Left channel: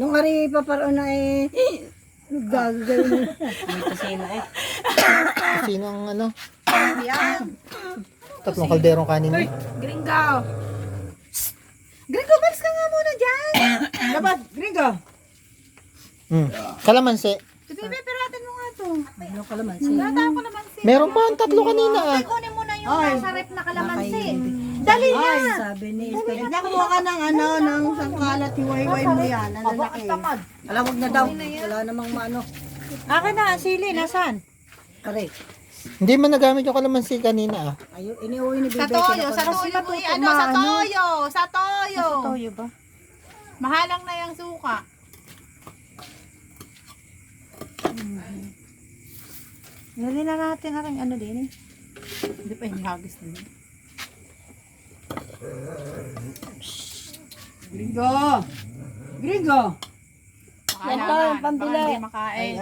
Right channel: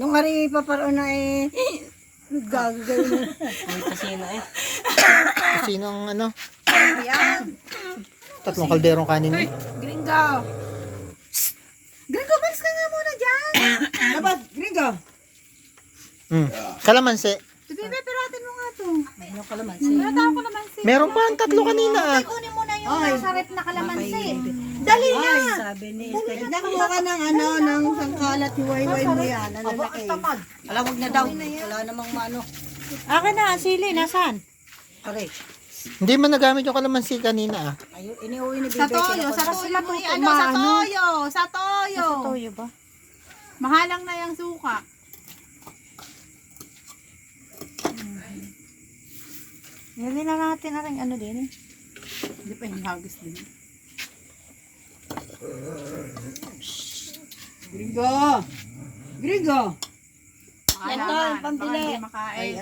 Nung ari paparoon na naggagawin na. May kasino eh. Sino ang ano? Yan. Tatlong kalderong kanin eh. Gringo. Gringo, balis ka nga muna dyan. Dapat, gringo. Kalamansi. Si Bebe, piratin mo nga to. Ano kalamansi? Pirataan ko naman si. Meron pa ang tatlo kanina ah. Kunin mo na yung Ay. nasa rep na kalamansi. Dali na. Ay, sabi ni Steve. Nakuha ka ng ng sangkalat, hiwa-hiway mo yan. Ang lalaki. Alam, wag na daw. Wala namang maano. Akin na, sili, nasaan? Aray. Hindi man nagamit yung kalamansi kanina ah. Ayun, iniuwi ni Bibi. Sa toyo, sa Kinatapos. toyo. Sa toyo, sa toyo. Sa toyo ba? Mahalang na yung suka. Lagyan na natin aking ano din eh. Hindi pa hinihagis din. Gringo! Gringo! Yan to, yung pambili. Makain.